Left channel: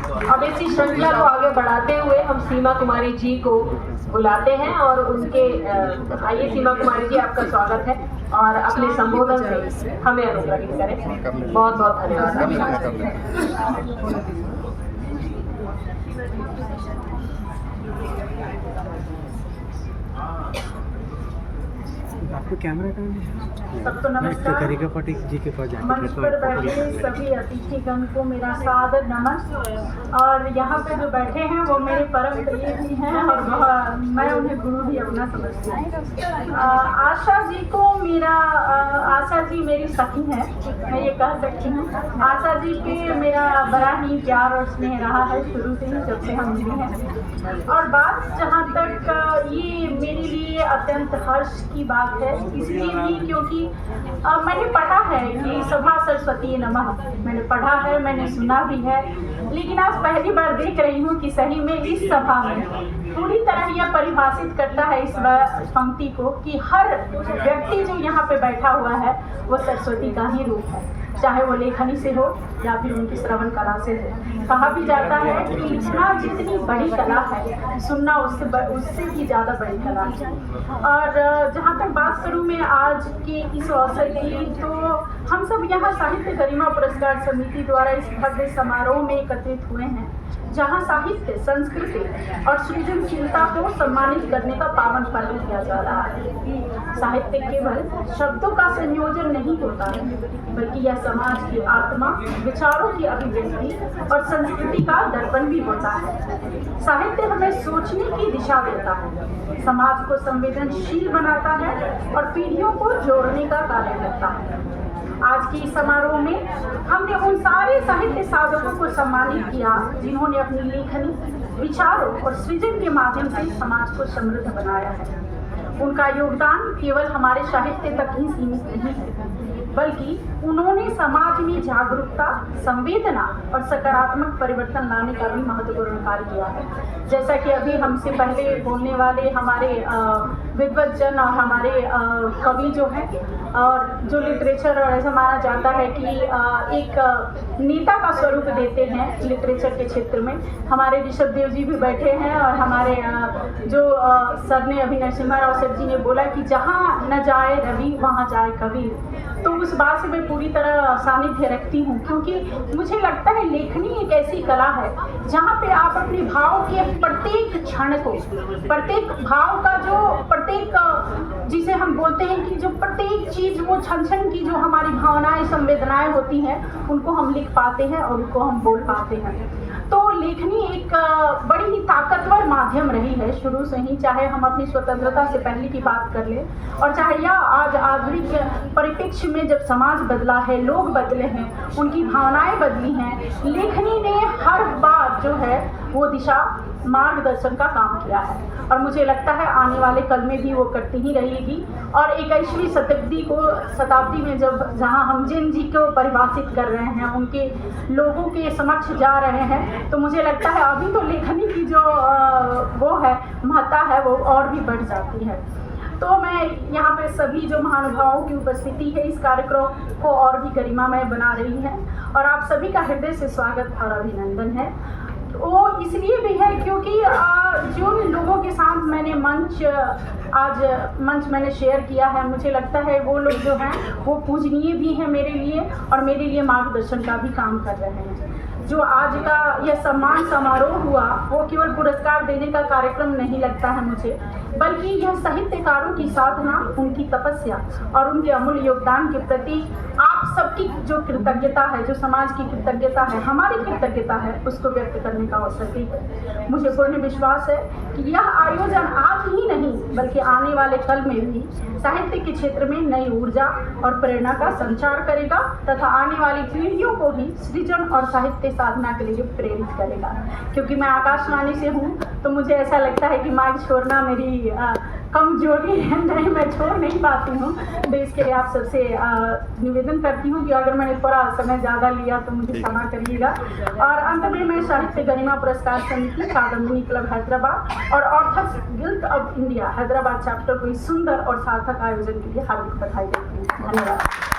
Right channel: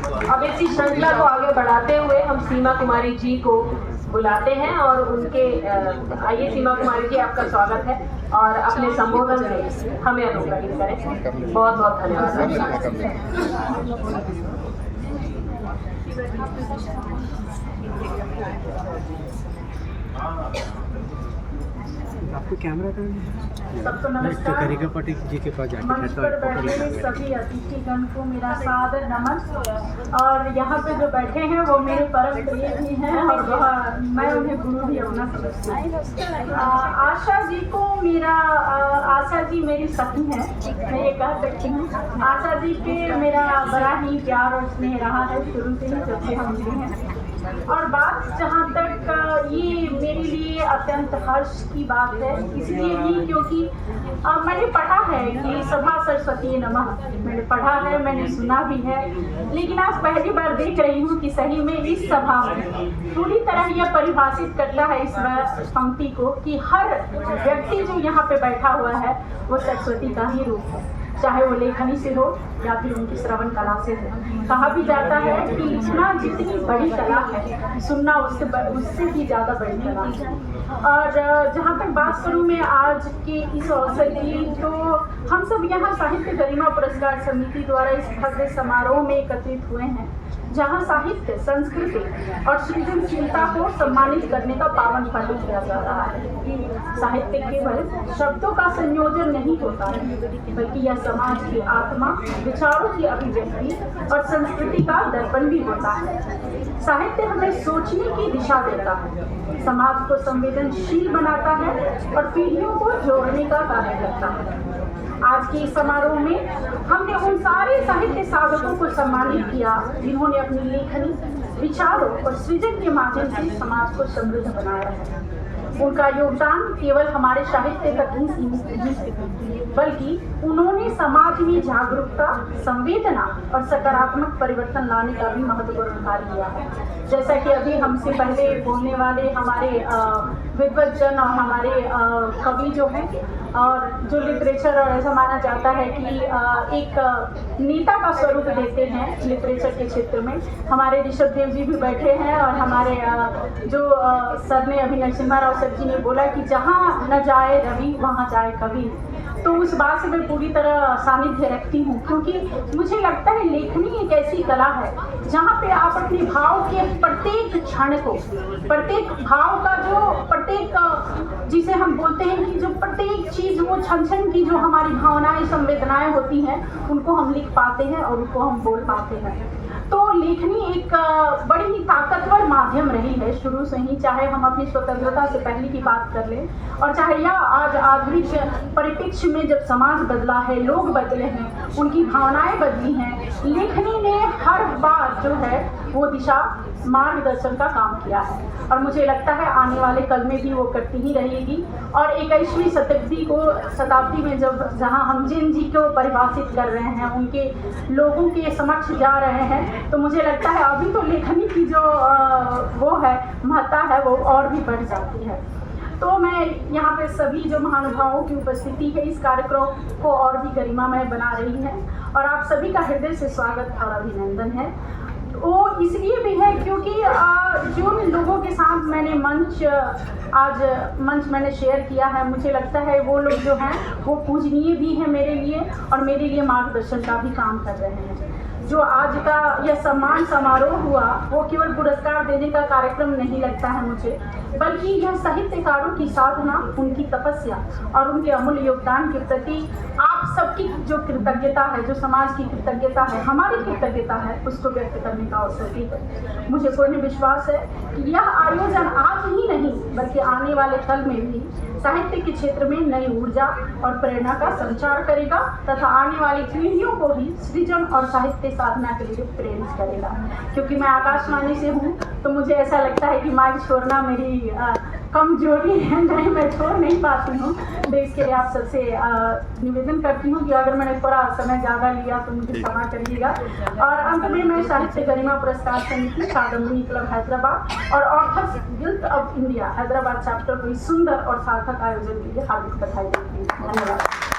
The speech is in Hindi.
अब इसी श्रृंखला को आगे बढ़ाते हुए हम सीमा कुमारी जी को बुलाते हैं और उनके आइए सीमा कुमारी जी, आपका स्वागत है और अपने संबोधन से हमें अनुग्रहित करें। बहुत बहुत धन्यवाद। आपको कैमरा का सबको नमस्कार। करिका पाटिल जी के पास मंच पर बैठे सभी अतिथिगण को मेरा सादर नमन। और यहाँ पे जो बैठे हैं वो मेरे परम प्रिय भी हैं और मैं उन्हें गुरु भी अपना समझती हूँ। आशा जी को मेरा आशा जी मेरी सखी है, मैं ये कह सकती हूँ। आशा जी पे मेरा बड़ा ही प्यार और स्नेह रहा है शुरू से ही, जब से हम मिले हैं। और बात जहाँ तक ये मेरे लिए अत्यंत हर्ष की बात है, इसलिए भी क्योंकि मैंने पढ़ा है कि सभा सरस्वती नमः, मैंने पढ़ा है, मैंने सुना भी है, लेकिन आज पहली बार देख रही हूँ कि सही में इस सभा में पूरी तरह यह परिभाषित करता है इस पंक्ति को कि हर व्यक्ति जो यहाँ पे बैठा हुआ है वो सरस्वती का ही रूप है, चाहे वो लेखनी से हो या फिर उनकी श्रवण कला से हो। कहा भी जाता है कि इतना जितनी बड़ी कला है, सुनना उससे भी ज़्यादा बड़ी कला है। और जहाँ तक बात करूँ मैं आज के इस अवसर की, तो हम सब यहाँ साहित्य गरिमा पुरस्कार समिति द्वारा इस भव्य समारोह में एकत्रित हुए हैं, जहाँ साहित्य, संस्कृति और सृजनशीलता को सम्मानित करने का पावन पर्व किया जा रहा है। साहित्य केवल शब्दों का संयोजन नहीं होता है, बल्कि यह समाज की आत्मा, विचारों की अभिव्यक्ति और संस्कृति का दर्पण भी होता है। साहित्य हमें सोचने की दिशा देता है, समाज को संवेदनशील बनाता है और पीढ़ियों को जोड़ने का कार्य करता है। आज के इस समारोह में हमने उन सारे साहित्य साधकों को सम्मानित किया जिन्होंने अपनी लेखनी, विचारों और सृजन के माध्यम से समाज को समृद्ध बनाया है। उनका योगदान केवल हमारे साहित्य तक ही सीमित नहीं, बल्कि उन्होंने समाज में जागरूकता, संवेदना और सकारात्मक परिवर्तन लाने का भी महत्वपूर्ण कार्य किया है। जैसा कि अभी हमसे पहले बोलने वाले हमारे विद्वज्जन और हमारे कवि जो हैं और जो लिटरेचर ऐसा माना जाता है कि एक नेता का स्वरूप देते हैं लिटरेचर के क्षेत्र में, हमारे ऋषभ देव जी भी बैठे हैं और हमारे जो सर ने अभी नरसिम्हा राव सर जी ने बोला कि जहाँ न जाए रवि वहाँ जाए कवि, तो उस बात से मैं पूरी तरह सानिध्य रखती हूँ, क्योंकि मुझे लगता है लेखनी एक ऐसी कला है जहाँ पे आप अपने भाव के प्रत्येक क्षण को, प्रत्येक भाव का जो प्रत्येक जिसे हम बोलते हैं कि जो प्रत्येक चीज वो क्षण क्षण की जो हमारी भावनाएं, संवेदनाएं होती हैं, उनको हम लिख पाते हैं और उनको हम बोल पाते हैं। तो लेखनी एक बड़ी ही ताकतवर माध्यम रही है शुरू से ही, चाहे हम अपनी स्वतंत्रता से पहले की बात कर लें और चाहे यह आज आधुनिक परिप्रेक्ष्य में जब समाज बदला है, लोग बदले हैं, उनकी भावनाएं बदली हैं, लेखनी ने हर बार जो है वो दिशा मार्गदर्शन का काम किया है और मुझे लगता है आने वाले कल में भी वो करती ही रहेगी। और 21वीं शताब्दी में जहाँ हम जिन जी को परिभाषित कर रहे हैं, उनके लोगों के समक्ष जा रहे हैं, तो मुझे लगता है अभी तो लेखनी की जो वो है महत्ता है वो और भी बढ़ जाती है। तो मैं यहाँ पे सभी जो महानुभावों की उपस्थिति है इस कार्यक्रम को और भी गरिमामय बना रही है और आप सभी का हृदय से स्वागत और अभिनंदन है। वो इसलिए भी है क्योंकि जिन लोगों के साथ मैंने मंच मैंने शेयर किया है, मुझे लगता है वो लोग जो हैं वो पूजनीय भी हैं मेरे लिए और मेरे लिए मार्गदर्शन का भी काम कर रहे हैं। जो आज का यह सम्मान समारोह हुआ वो केवल पुरस्कार देने का कार्यक्रम नहीं लगता है मुझे, बल्कि यह साहित्यकारों की साधना, उनकी तपस्या और उनके अमूल्य योगदान के प्रति आप सबकी जो कृतज्ञता है, जो समाज की कृतज्ञता है, हमारी कृतज्ञता है, उसको व्यक्त करने का अवसर भी है। मुझे पूर्ण विश्वास है कि यह आयोजन आज ही नहीं बल्कि आने वाले कल में भी साहित्य के क्षेत्र में नई ऊर्जा और प्रेरणा का संचार करेगा तथा आने वाली पीढ़ियों को भी सृजन और साहित्य साधना के लिए प्रेरित करेगा। क्योंकि मैं आकाशवाणी से हूँ तो मुझे ऐसा लगता है कि माइक छोड़ना मेरी कमजोरी है, नहीं मैं छोड़ नहीं पाती हूँ। तो इसके लिए आप सबसे निवेदन करती हूँ कि अगर मैंने थोड़ा समय ज़्यादा लिया तो मुझे क्षमा करिएगा। और अंत में मैं साहित्य गरिमा पुरस्कार समिति, कादम्बिनी क्लब हैदराबाद और authors guild of India Hyderabad chapter को इस सुंदर और सार्थक आयोजन के लिए हार्दिक बधाई देती हूँ। धन्यवाद।